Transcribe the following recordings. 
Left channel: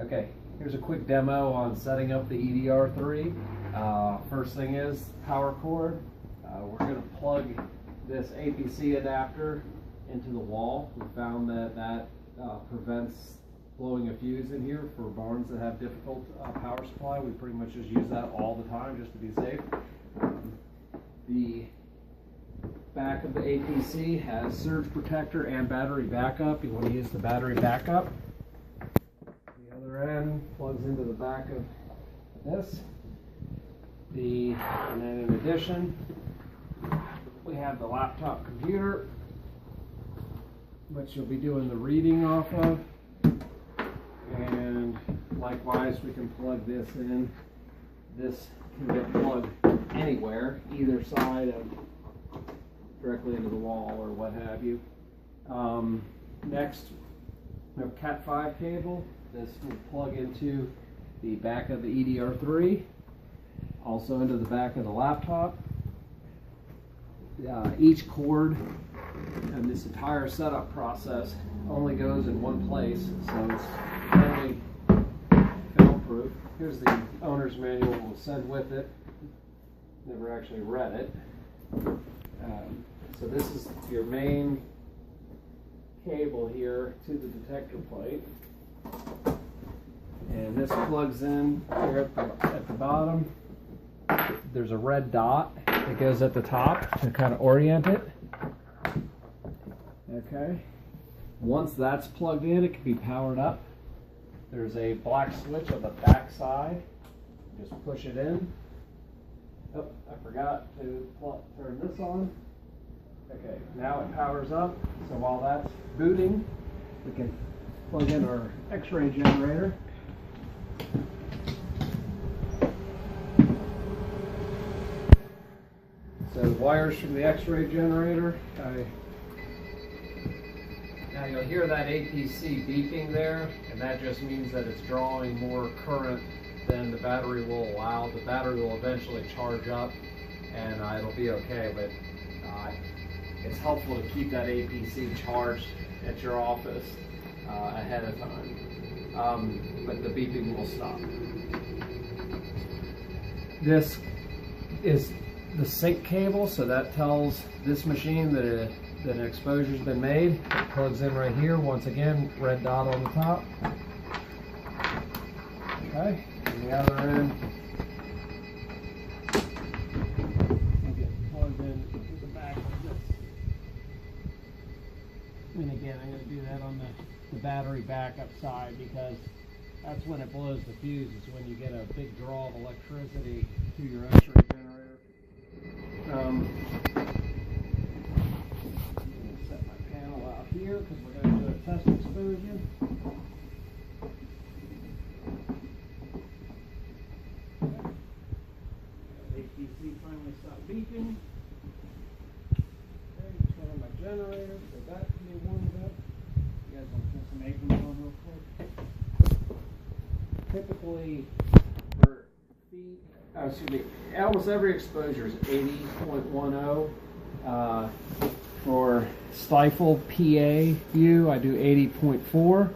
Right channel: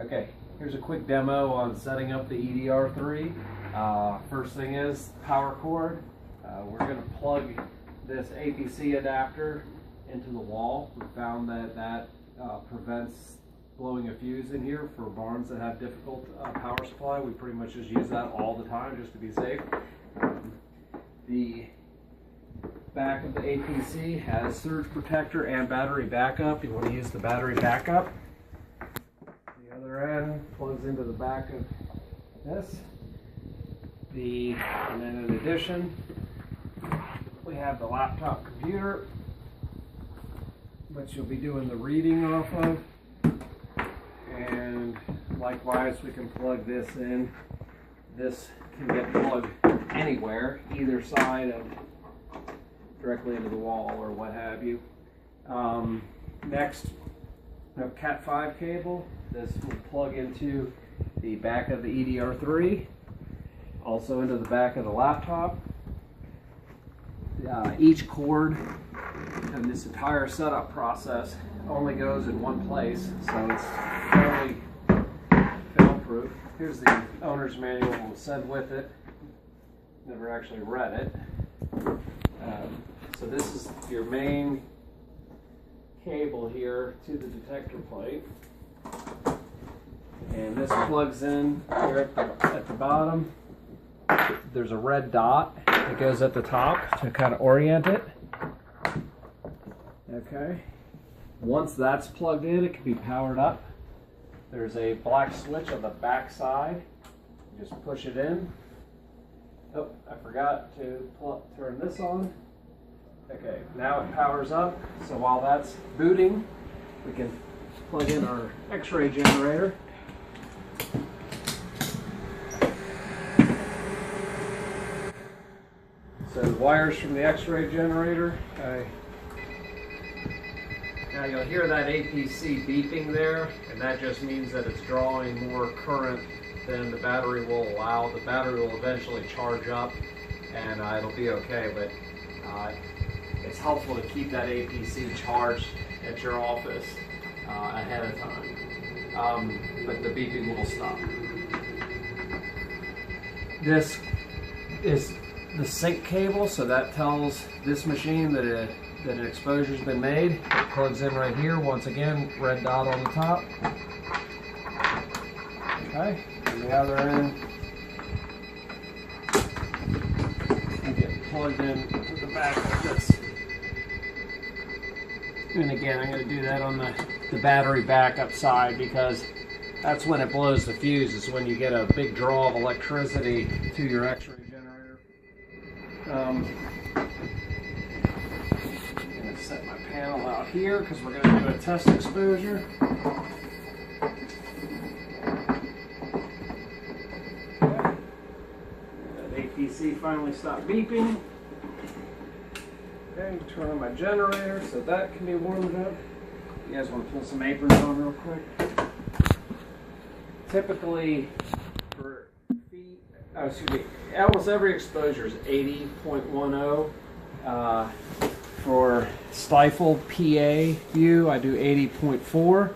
Okay, here's a quick demo on setting up the edr-3. First thing is power cord. We're going to plug this APC adapter into the wall. We found that prevents blowing a fuse in here for barns that have difficult power supply. We pretty much just use that all the time just to be safe. The back of the APC has surge protector and battery backup. You want to use the battery backup. The other end plugs into the back of this. And then in addition, we have the laptop computer, which you'll be doing the reading off of. And likewise, we can plug this in. This can get plugged anywhere, either side of directly into the wall or what have you. Next, we have Cat5 cable. This will plug into the back of the edr-3, also into the back of the laptop. Each cord and this entire setup process only goes in one place, so it's fairly fail-proof. Here's the owner's manual we'll send with it. Never actually read it. So this is your main cable here to the detector plate. And this plugs in here at the bottom. There's a red dot that goes at the top to kind of orient it. Okay. Once that's plugged in, it can be powered up. There's a black switch on the back side. Just push it in. Oh, I forgot to turn this on. Okay, now it powers up. So while that's booting, we can plug in our X-ray generator. So the wires from the X-ray generator. Now you'll hear that APC beeping there, and that just means that it's drawing more current than the battery will allow. The battery will eventually charge up, and it'll be okay, but it's helpful to keep that APC charged at your office ahead of time. But the beeping will stop. This is the sync cable, so that tells this machine that an exposure's been made. It plugs in right here. Once again, red dot on the top. Okay, and the other end, you get plugged in to the back of this. And again, I'm going to do that on the battery backup side, because that's when it blows the fuse, is when you get a big draw of electricity to your X-ray generator. I'm going to set my panel out here because we're going to do a test exposure. Okay. That APC finally stopped beeping. Okay, turn on my generator so that can be warmed up. You guys want to pull some aprons on real quick? Typically, for feet, almost every exposure is 80.10. For stifle PA view, I do 80.4.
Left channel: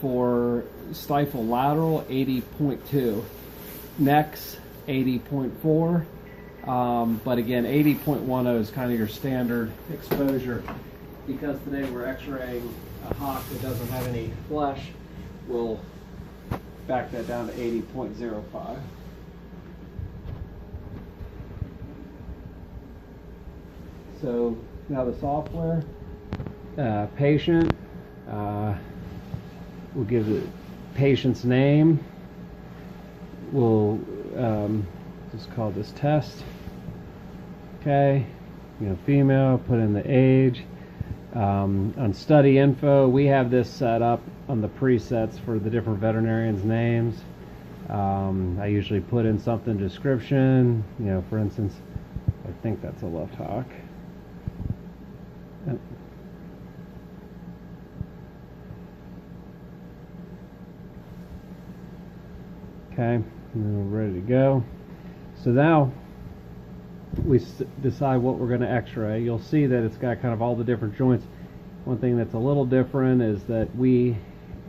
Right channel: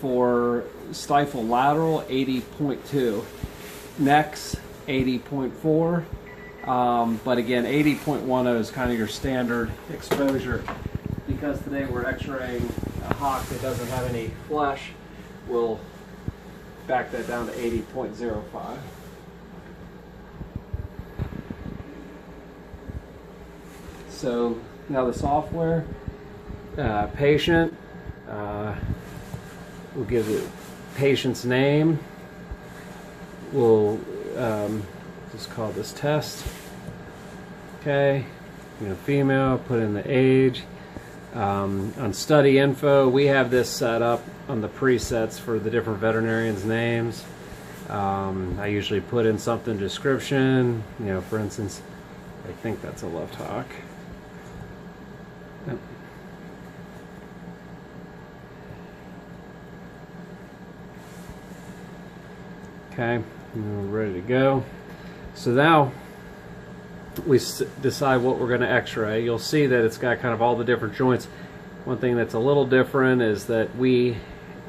For stifle lateral, 80.2. Necks, 80.4. But again, 80.10 is kind of your standard exposure. Because today we're x-raying a hawk that doesn't have any flesh, we'll back that down to 80.05. So now the software, patient, we'll give you patient's name. We'll just call this test. Okay, female, put in the age. On study info, we have this set up on the presets for the different veterinarians' names. I usually put in something description, for instance, I think that's a left hawk. Yep. Okay, we're ready to go. So now we decide what we're going to x-ray. You'll see that it's got kind of all the different joints. One thing that's a little different is that we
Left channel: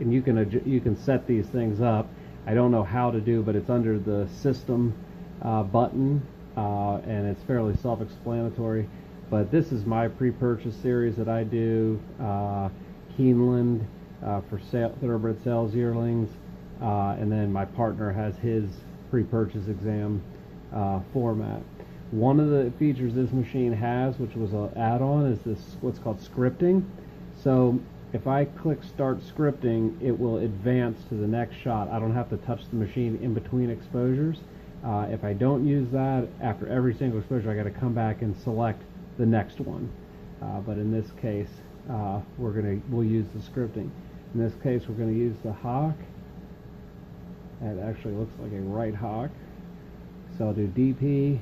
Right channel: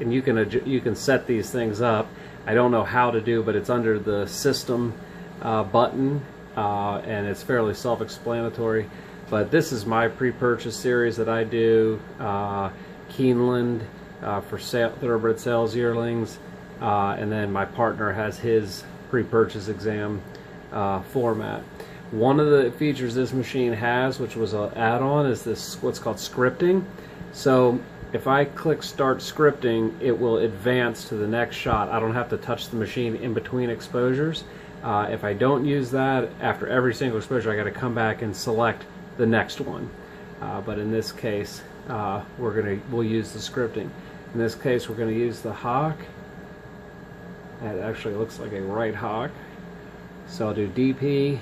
and you can set these things up. I don't know how to do, but it's under the system button, and it's fairly self-explanatory. But this is my pre-purchase series that I do. Keeneland for thoroughbred sales yearlings, and then my partner has his pre-purchase exam format. One of the features this machine has, which was an add-on, is this what's called scripting. So if I click start scripting, it will advance to the next shot. I don't have to touch the machine in between exposures. If I don't use that, after every single exposure, I got to come back and select the next one. But in this case, we'll use the scripting. In this case, we're going to use the hawk. That actually looks like a right hawk. So I'll do DP,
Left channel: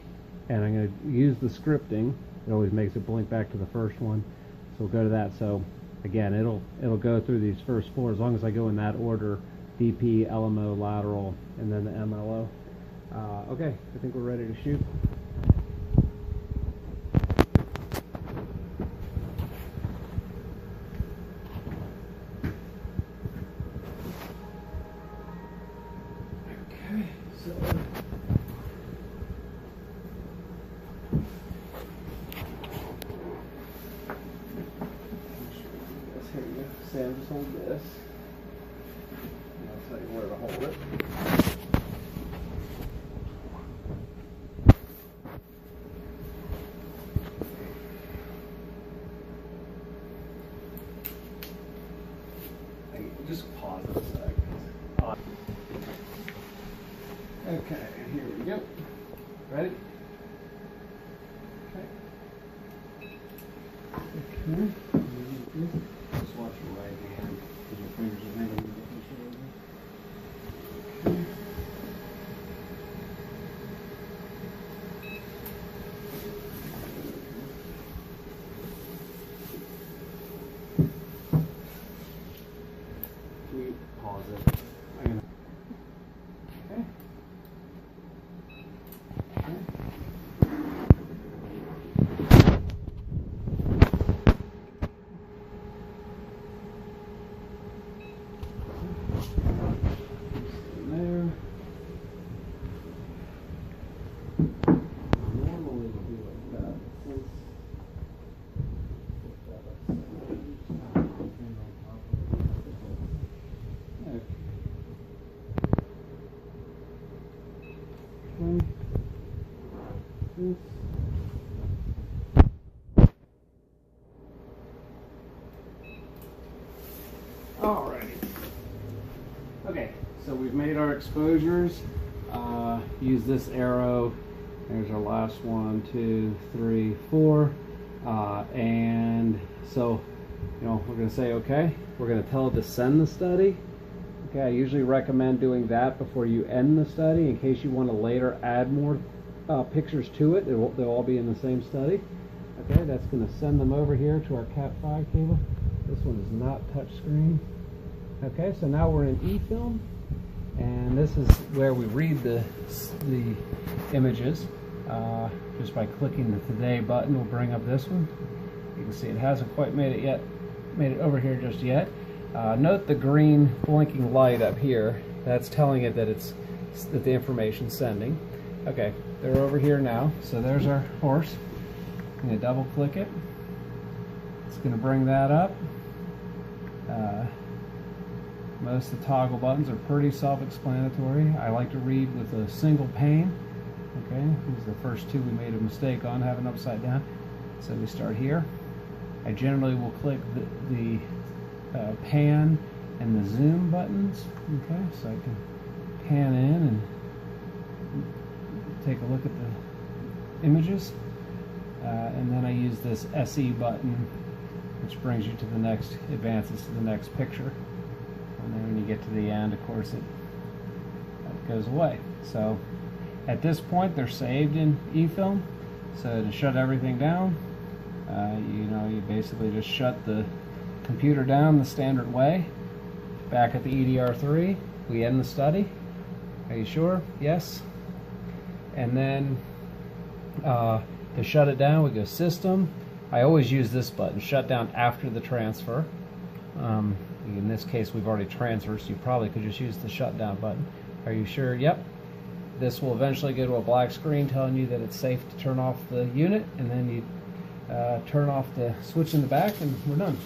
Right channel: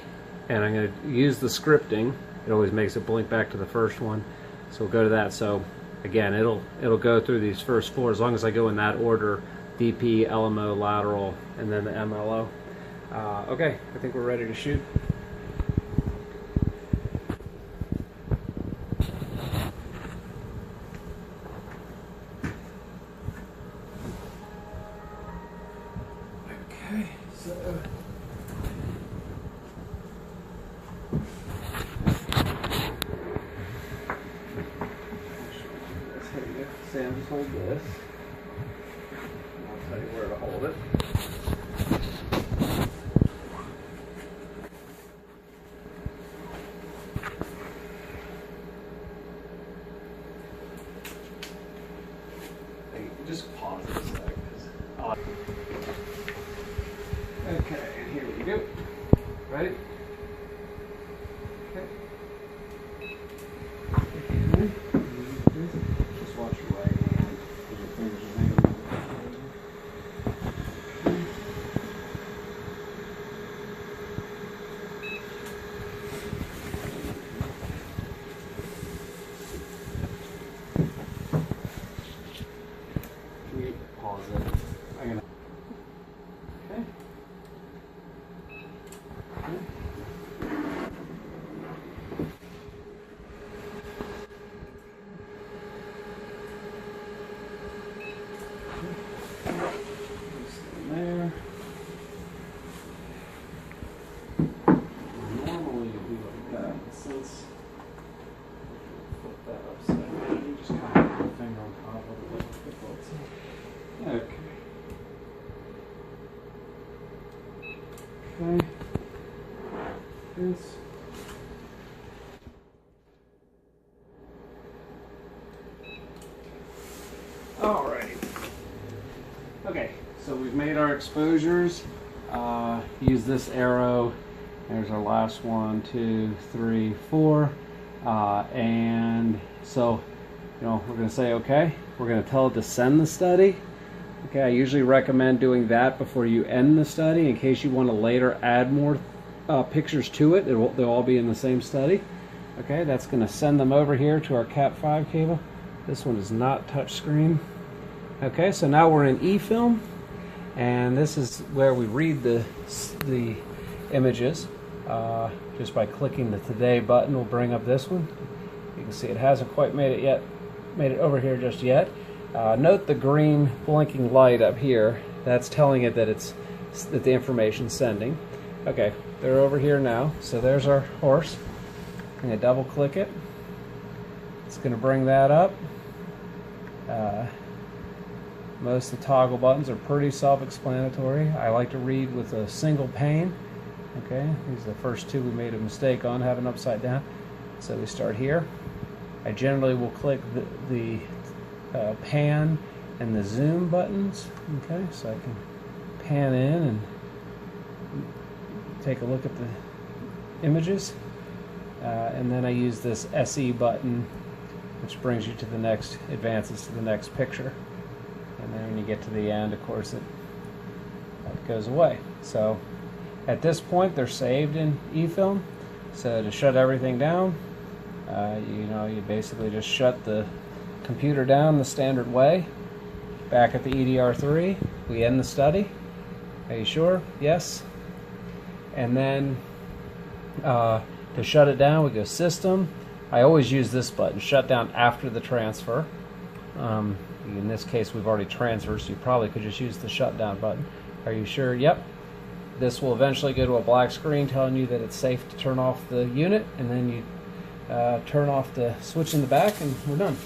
and I'm going to use the scripting. It always makes it blink back to the first one. So we'll go to that. So again, it'll go through these first four as long as I go in that order: DP, LMO, lateral, and then the MLO. Okay, I think we're ready to shoot. Okay, so Sam, just hold this. I'll tell you where to hold it. Just pause it a second. Okay, here we go. Ready? Okay. Just watch your right hand, because your fingers are hanging on the picture. Can you pause it? I'm gonna. Okay. There. Normally it'd be like that, but since flip that upside down, you just kind of put your finger on top of it. Okay. Okay. This. Alrighty. Okay, so we've made our exposures. Use this arrow. There's our last 1, 2, 3, 4. And so, we're going to say okay. We're going to tell it to send the study. Okay, I usually recommend doing that before you end the study in case you want to later add more pictures to it. They'll all be in the same study. Okay, that's going to send them over here to our Cat5 cable. This one is not touchscreen. Okay, so now we're in eFilm, and this is where we read the images. Just by clicking the Today button, we'll bring up this one. You can see it hasn't quite made it over here just yet. Note the green blinking light up here. That's telling it that that the information's sending. Okay, they're over here now. So there's our horse. I'm going to double click it. It's going to bring that up. Most of the toggle buttons are pretty self-explanatory. I like to read with a single pane. Okay, these are the first two we made a mistake on, having upside down. So we start here. I generally will click the pan and the zoom buttons. Okay, so I can pan in and take a look at the images. And then I use this SE button, which brings you to the next, advances to the next picture. And then when you get to the end, of course, it goes away. So at this point, they're saved in eFilm. So to shut everything down, you basically just shut the computer down the standard way. Back at the edr-3, we end the study. Are you sure? Yes. And then to shut it down, we go System. I always use this button, shut down after the transfer. In this case, we've already transferred, so you probably could just use the shutdown button. Are you sure? Yep. This will eventually go to a black screen telling you that it's safe to turn off the unit, and then you turn off the switch in the back, and we're done.